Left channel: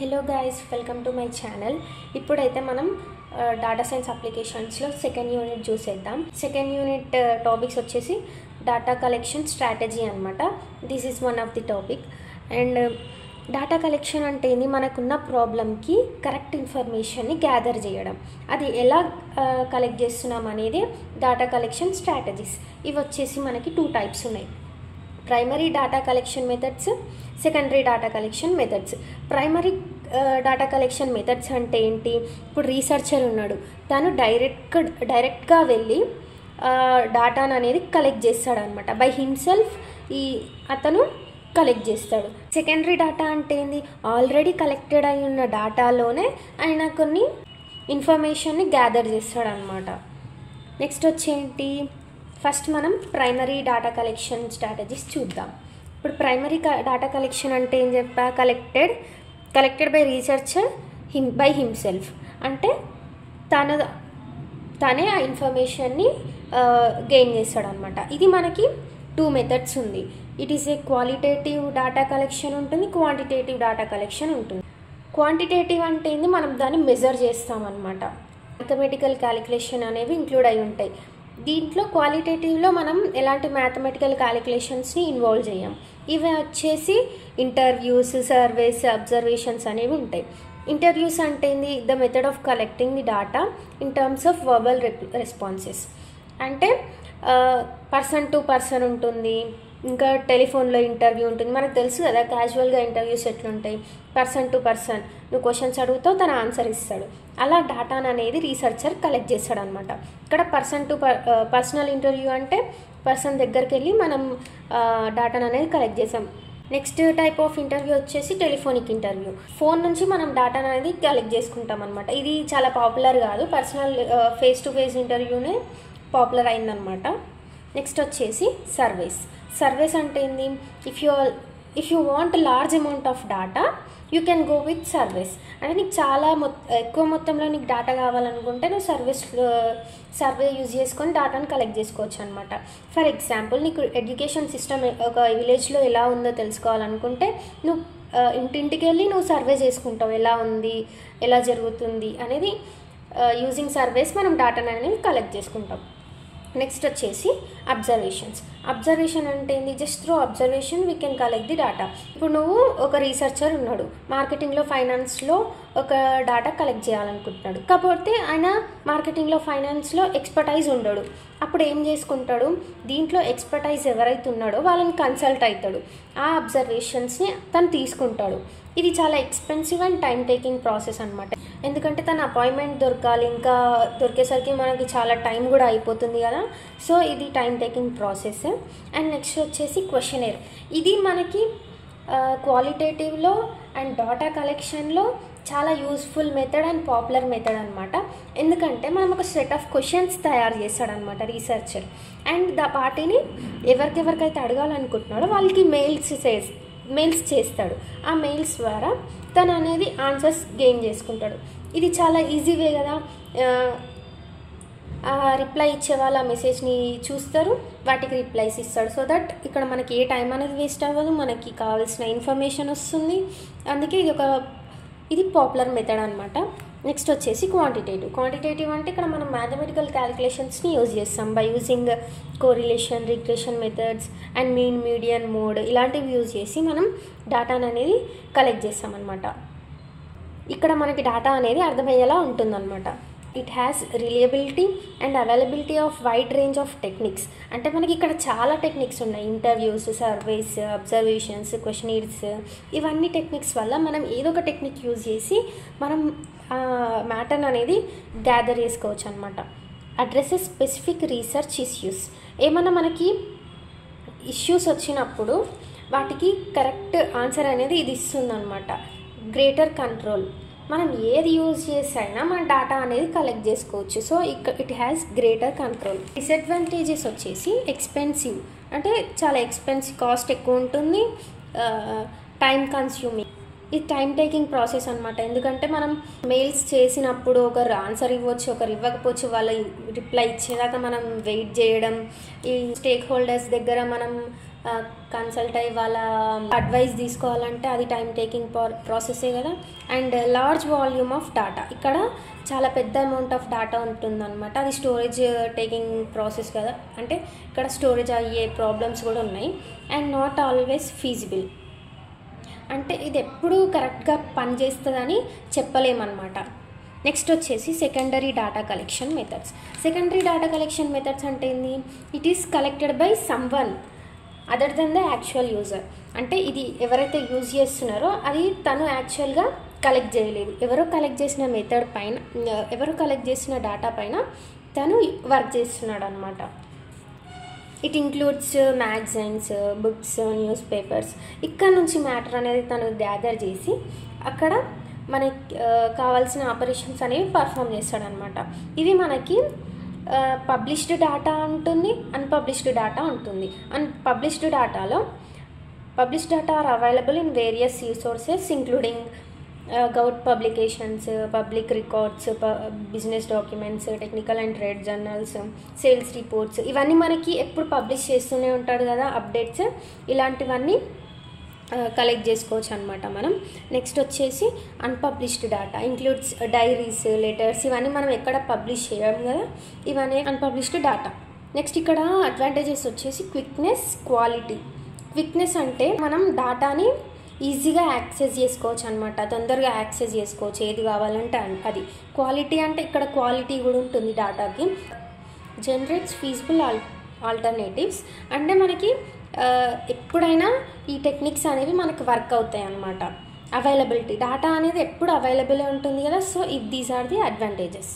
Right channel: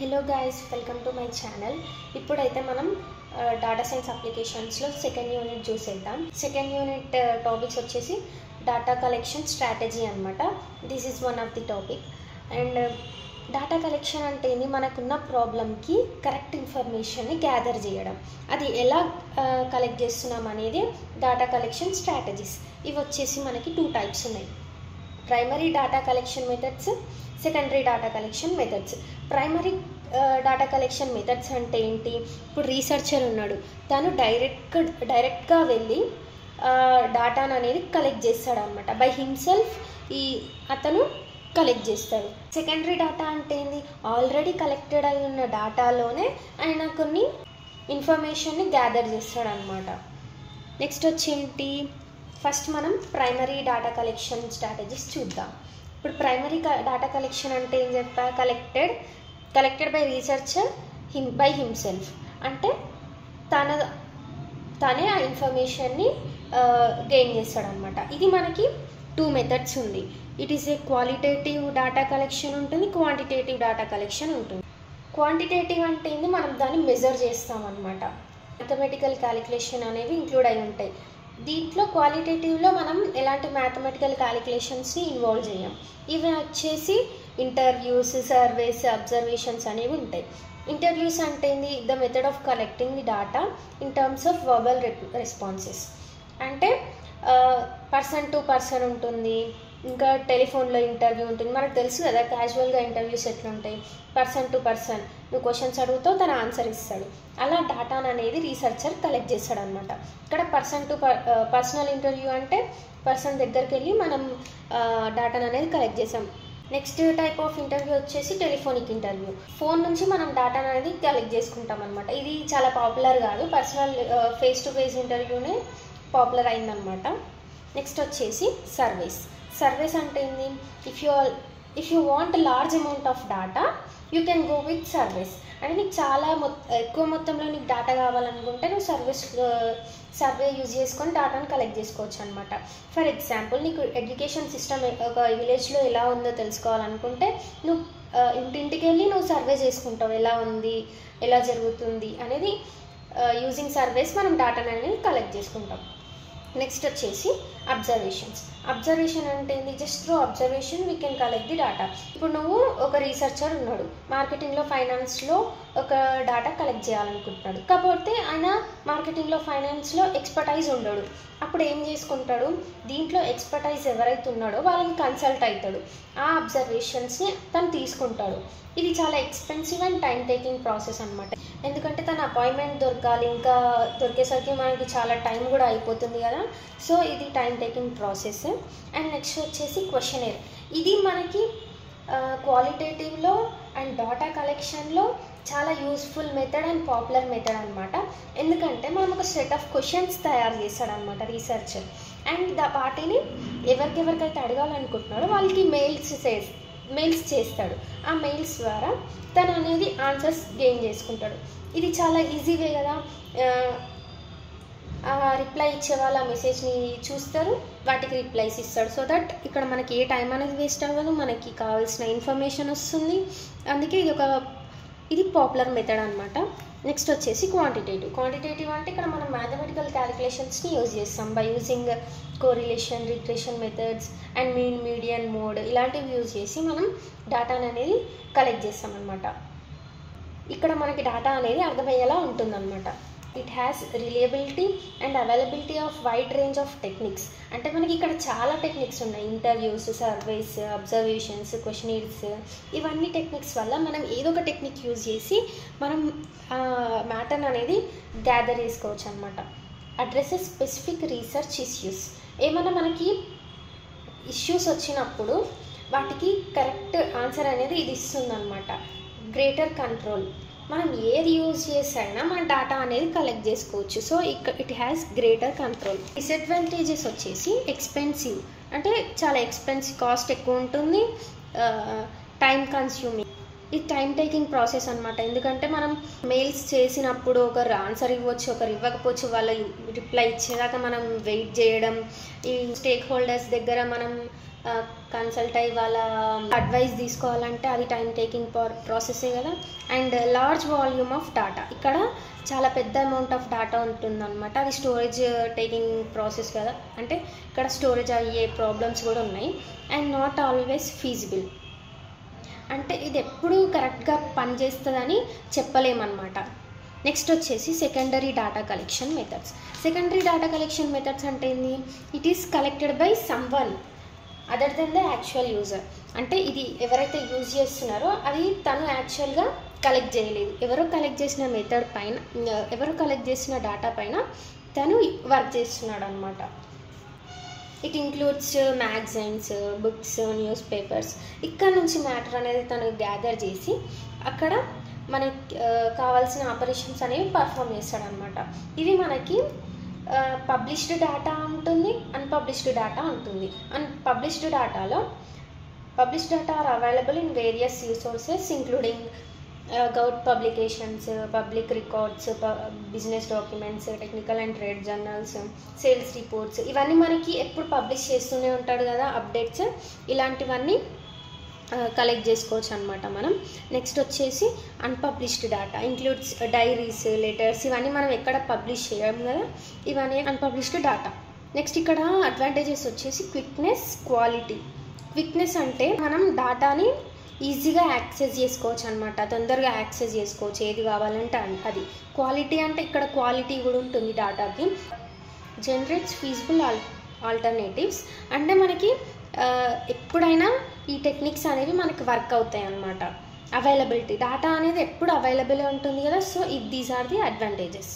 Hello guys, welcome to my channel. ఇప్పుడైతే మనం data science అప్లికేషన్స్లో second unit చూసేద్దాం. Second unit topics వచ్చేసి data collection strategy అనమాట. This is one of the topic. And data collection అంటే ఏంది, మనకున్న ప్రాబ్లమ్కి correct ఇన్ఫర్మేషన్ని గ్యాదర్ చేయడం. అది ఎలా కలెక్ట్ చేస్తున్నాం అనేది డాటా కలెక్షన్ స్ట్రాటజీస్. ఇవి వచ్చేసి మనకి 2 టైప్స్ ఉన్నాయి: primary data collection methods, secondary data collection methods. Primary data collection methods అంటే ఏంటి? ఇప్పుడు రీసెర్చర్ ఉన్నాడు, తను డైరెక్ట్గా వెళ్ళి డాటాను అనేది కలెక్ట్ చేస్తాడు అనమాట. బై హిమ్సెల్ఫ్ అతను కలెక్ట్ చేస్తాడు. సెకండరీ డాటా అంటే ఏంది? ఆల్రెడీ కలెక్టెడ్ అయి ఉన్న డాటాలోనే ఆయన కొన్ని ఇన్ఫర్మేషన్ని గ్యాదర్ చేస్తాడు అనమాట. నెక్స్ట్ వచ్చేంటి, ఫస్ట్ మనం ప్రైమరీ డాటా కలెక్షన్ స్ట్రాటజీస్ చూద్దాం. ఇప్పుడు ప్రైమరీ డాటా కలెక్షన్ అంటే ఏం చెప్పా? Collected by researcher by himself. అంటే తనే ఆ ఇన్ఫర్మేషన్ని గెయిన్ చేస్తాడు అనమాట. ఇది మనకి 2 మెథడ్స్ ఉంది. It is a qualitative data collection ఉంటుంది, క్వాంటిటేటివ్ డాటా కలెక్షన్ ఉంటుంది. క్వాంటిటేటివ్ అంటే ఏంది? మనం దాన్ని మెజర్ చేస్తామన్నమాట. మ్యాథమెటికల్ క్యాలిక్యులేషన్ అనేవి ఇంక్లూడ్ అయి ఉంటాయి. దీంట్లో క్వాలిటేటివ్లో మనం ఎలాంటి మ్యాథమెటికల్ క్యాలిక్యులేషన్స్ని ఇన్వాల్వ్ చేయం. ఇవి వచ్చేసి ఇంటర్వ్యూస్, సర్వేస్, అబ్జర్వేషన్స్ అనేవి ఉంటాయి. ఇంటర్వ్యూస్ అంటే ఏంది? The method of collecting the data in terms of verbal responses. అంటే పర్సన్ టు పర్సన్ ఉంటుంది, ఇంకా టెలిఫోన్లో ఇంటర్వ్యూ ఉంటుంది. మనకు తెలుసు కదా క్యాజువల్గా ఇంటర్వ్యూస్ ఎట్లుంటాయి. పర్సన్ టు పర్సన్, నువ్వు క్వశ్చన్స్ అడుగుతావు, తను ఆన్సర్ ఇస్తాడు. అలా డాటాను అనేది రీసెర్చర్ కలెక్ట్ చేస్తాడు అనమాట. ఇక్కడ పర్సన్ టు పర్సనల్ ఇంటర్వ్యూ అంటే పర్సన్ దగ్గరికి వెళ్ళి మనం డాటాను అనేది కలెక్ట్ చేసాం. నెక్స్ట్ టైప్ ఆఫ్ ఇంటర్వ్యూ వచ్చేసి టెలిఫోనిక్ ఇంటర్వ్యూ. ఫోన్ నుంచి మనం డాటాను అనేది కలెక్ట్ చేసుకుంటాం అనమాట. ఇది చాలా పాపులర్ కాదు, పర్సనల్ ఫేస్ టు ఫేస్ ఇంటర్వ్యూనే పాపులర్ అయిందనమాట. నెక్స్ట్ వచ్చేసి సర్వేస్ అంటే ఏంది? If you want large amount of data you can go with surveys. అంటే నీకు చాలా ఎక్కువ మొత్తంలో నీకు డాటా కావాలనుకుంటే నువ్వు సర్వే యూజ్ చేసుకొని డాటాను కలెక్ట్ చేసుకోవచ్చు అనమాట. ఫర్ ఎగ్జాంపుల్, నీకు ఎడ్యుకేషన్ సిస్టమ్ ఒక విలేజ్లో ఎలా ఉందో తెలుసుకోవాలనుకుంటే నువ్వు ఇంటింటికి వెళ్ళి నువ్వు సర్వే చేసుకుంటావు, ఎలా ఉంది, ఎలా జరుగుతుంది అనేది. యూజింగ్ సర్వేస్ మనం డాటాను అనేది కలెక్ట్ చేసుకుంటాం. నెక్స్ట్ వచ్చేసి అబ్జర్వేషన్ అంటే ఏంది? Just through observation we can collect the data. ఇప్పుడు నువ్వు ఒక రీసెర్చర్ ఉన్నాడు, మార్కెటింగ్లో, ఫైనాన్స్లో ఒక డాటా కలెక్ట్ చేయాలనుకుంటున్నాడు. కాకపోతే ఆయన మార్కెటింగ్లో, ఫైనాన్స్లో ఎక్స్పర్టైజ్ ఉండడు. అప్పుడు ఏం చేసుకుంటాడు? దీంట్లో ఎక్స్పర్టైజ్ ఎవరైతే ఉన్నాడో వాళ్ళని కన్సల్ట్ అవుతాడు. ఆ అబ్జర్వేషన్స్ని తను తీసుకుంటాడు. ఇది చాలా expensive and time taking process అనమాట. ఎందుకంటే తన అపాయింట్మెంట్ దొరకాలి, ఇంకా దొరికేసరికి మనకి చాలా టైం కూడా అయిపోతుంది కదా. సో ఇది time taking process. And next వచ్చేసి క్వశ్చనర్. ఇది మనకి క్వాలిటేటివ్లో అండ్ డాటా కలెక్షన్లో చాలా useful method and popular method అనమాట. ఎందుకంటే మనం ఒక సెట్ ఆఫ్ క్వశ్చన్స్ తయారు చేస్తాడనమాట రీసెర్చర్. అండ్ వాటిని ఎవరికైతే అడగాలనుకుంటున్నాడో వాళ్ళకి మెయిల్స్ చేస్తాడు. ఆ మెయిల్స్ ద్వారా తను అనేది ఆన్సర్స్ గెయిన్ చేసుకుంటాడు. ఇది చాలా ఈజీవే కదా. రిప్లై ఇచ్చే వాళ్ళ మెసేజ్ని చూస్తారు, వాటికి రిప్లైస్ ఇస్తాడు. సో దట్ ఇక్కడ మనకి ఏ టైం అనేది వేస్ట్ అవ్వదు, మనకి కావాల్సిన ఇన్ఫర్మేషన్ వస్తుంది. అందుకే ఇది పాపులర్ మెథడ్ అనమాట. నెక్స్ట్ వచ్చేసి క్వాంటిటేటివ్ అంటే ఇక్కడ మనం మ్యాథమెటికల్ క్యాలిక్యులేషన్స్ని యూజ్ చేస్తాం. By using correlation, regression methods and mean, median, mode ఇలాంటివి యూజ్ చేసి మనం డాటాను అనేది కలెక్ట్ చేస్తాం అనమాట. ఇక్కడ మనకి డాటా అనేది అర్థమయ్యేలా ఉంటుందన్నమాట. It has reliability and availability of wide range of techniques. అంటే మనకి ఇక్కడ చాలా టెక్నిక్స్ ఉన్నాయి. ఇంటర్వ్యూస్, సర్వేస్, అబ్జర్వేషన్స్, క్వశ్చనీర్స్, ఇవన్నీ టెక్నిక్స్ వల్ల మనం ఏదో ఒక టెక్నిక్ యూజ్ చేసి మనం మ్యాటర్ అనేది గ్యాదర్ చేసుకోవచ్చు అనమాట. Addresses specific research issues. ఏమన్నా మనకి ఇష్యూస్ వచ్చినప్పుడు వాటికి కరెక్ట్ ఆన్సర్ అనేది ఇది ఇస్తుంది అనమాట. Greater control. మనం ఏది యూజ్ చేసైనా మన డాటా అనేది కలెక్ట్ చేసుకోవచ్చు. So it has greater control. Disadvantages వచ్చేసి ఎక్స్పెన్సివ్. అంటే చాలా ఎక్స్పెన్సివ్, కాస్ట్ ఎక్కువ ఉంటుంది, టైం కన్స్యూమింగ్. ఇది టైం టేకింగ్ ప్రాసెస్ అనమాట. ఎందుకంటే మనం మెయిల్స్ చేసినప్పుడు ఒకరు ఆన్సర్ ఇవ్వచ్చు, ఒకరు ఇవ్వకపోవచ్చు. వాళ్ళ రిప్లై ఇచ్చేదాకా మనం వెయిట్ చేయడం, ఈ స్టేక్ హోల్డర్స్ దగ్గర మనం కన్సల్ట్ అయ్యి వాళ్ళ అడ్వైస్ తీసుకోవాలంటే అది టైం టేకింగ్ ప్రాసెసే కదా. And large volume of data, ఇక్కడ చాలా పెద్ద అమౌంట్ ఆఫ్ డాటా ఉంటుందన్నమాట. అది స్టోరేజ్ టేకింగ్ ప్రాసెస్ కదా, అంటే ఇక్కడ స్టోరేజ్ అయ్యే ప్రాబ్లమ్స్ కూడా ఉన్నాయి. అండ్ నాట్ ఆల్వేస్ ఫీజిబుల్, అంటే ఇది ఎప్పుడు కరెక్ట్గా పనిచేస్తుందని చెప్పలేమన్నమాట. నెక్స్ట్ వచ్చేసి secondary data collection methods. Secondary data collection methods అంటే ఏంటి? It is collected by someone other than the actual user. అంటే ఇది ఎవరైతే యూజ్ చేస్తున్నారో అది తను యాక్చువల్గా కలెక్ట్ చేయలేదు, ఎవరో కలెక్ట్ చేసిన మెథడ్ పైన, ఎవరో కలెక్ట్ చేసిన డేటా పైన తను వర్క్ చేస్తున్నాడు అనమాట. It includes magazines, books, news papers. ఇక్కడ నుంచి మ్యాటర్ అనేది తను గ్యాదర్ చేసి అక్కడ మనకి కావాల్సిన ఆపరేషన్స్ అనేవి పర్ఫామ్ చేస్తాడనమాట. ఇవి మనకి పబ్లిష్డ్ డేటా ఉంటుంది, అన్పబ్లిష్డ్ డేటా ఉంటుంది. Published data are available in various resources including government publications, public records, business documents, technical and trade journals, sales reports. ఇవన్నీ మనకి ఎప్పుడు పబ్లిష్ చేస్తూనే ఉంటాడు కదా అప్డేట్స్, ఇలాంటివన్నీ కలెక్ట్ చేసుకోవచ్చు అనమాట మనం. నెక్స్ట్ వచ్చేసి unpublished data includes diaries, letters. ఇవన్నీ మనం ఎక్కడ పబ్లిష్ చేయము కదా, ఇవన్నీ అన్పబ్లిష్డ్ డేటా. నెక్స్ట్ ఇక్కడ అడ్వాంటేజెస్ వచ్చేసి క్విక్నెస్, క్వాలిటీ. క్విక్నెస్ అంటే మనం డేటాని ఈజీగా యాక్సెస్ చేసుకోవచ్చు అనమాట, తొందరగా యాక్సెస్ చేసుకోవచ్చు ఏది కావాలంటే అది. క్వాలిటీ అంటే ఇక్కడ క్వాలిటీ కూడా ఉంటుంది డేటాకి. జనరేట్స్ ఫీజిబుల్ ఆల్టర్నేటివ్స్, అంటే మనకి ఎప్పుడైనా ఈ టెక్నిక్స్ అనేవి మనకి వర్క్ అవుతాయి అన్నమాట. అవైలబిలిటీ, డేటా అనేది ఎప్పుడు అవైలబుల్ ఉంటుంది కదా, so these are the advantages.